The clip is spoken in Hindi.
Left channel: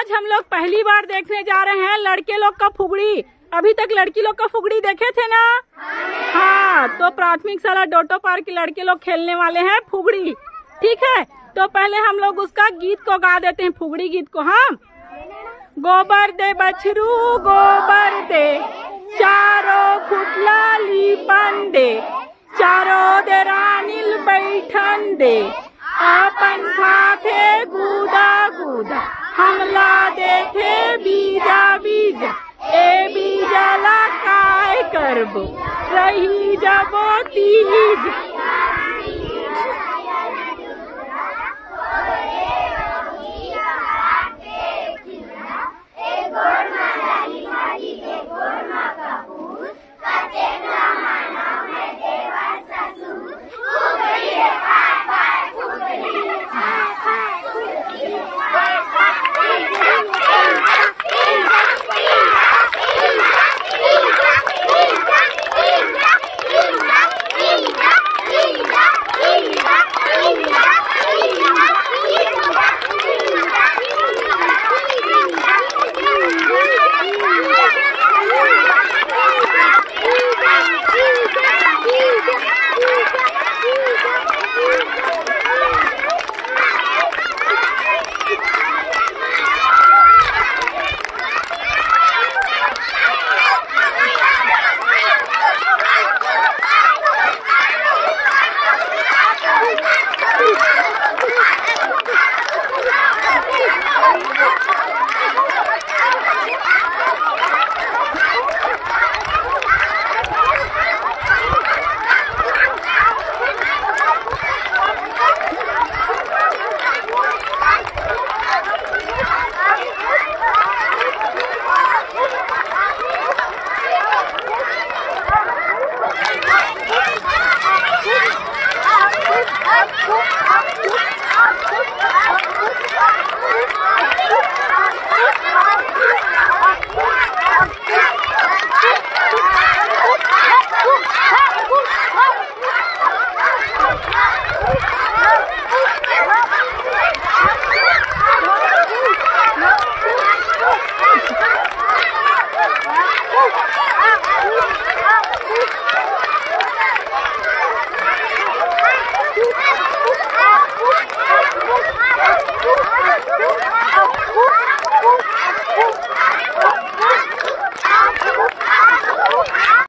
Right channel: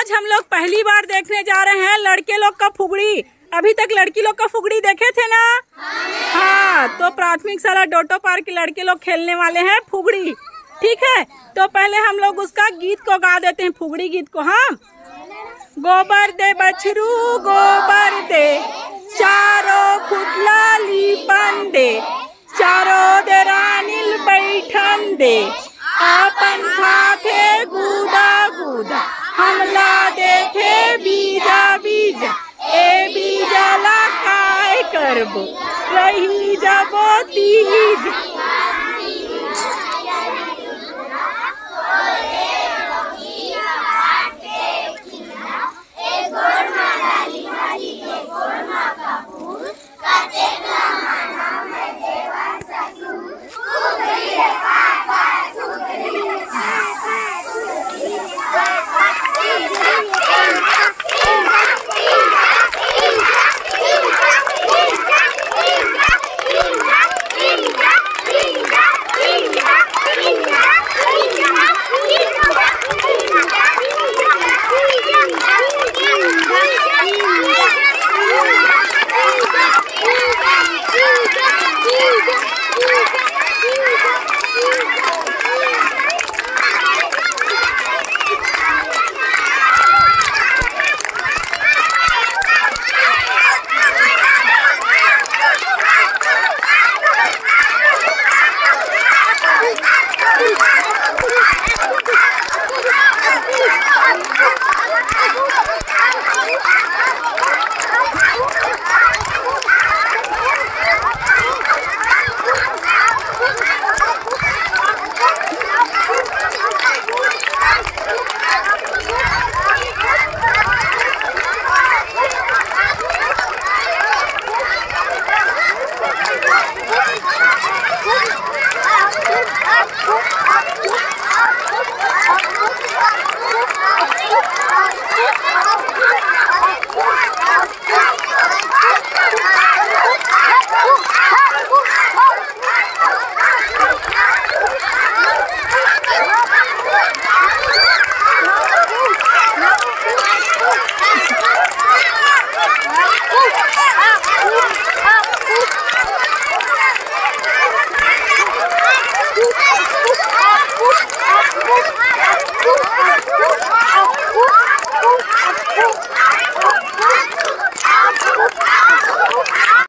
आज हम लोग पहली बार देखने जा रहे हैं लड़के लोग का फुगड़ी। अभी तक लड़की लोग का फुगड़ी देखे थे ना? हाँ, तो प्राथमिक शाला डोटो पार्क के लड़के लोग खेलने वाले हैं फुगड़ी। ठीक है, तो पहले हम लोग उसका गीत को गा देते हैं, फुगड़ी गीत को। हाँ, गोबर दे बछरू गोबर दे, चारों खुटला लीपन दे, चारों दे रानील बैठन दे, अपन खाथे गुदा गुदा, हमला देथे बीजा बीजा, ए बीजा ला काय करबो, रही जबो तीज।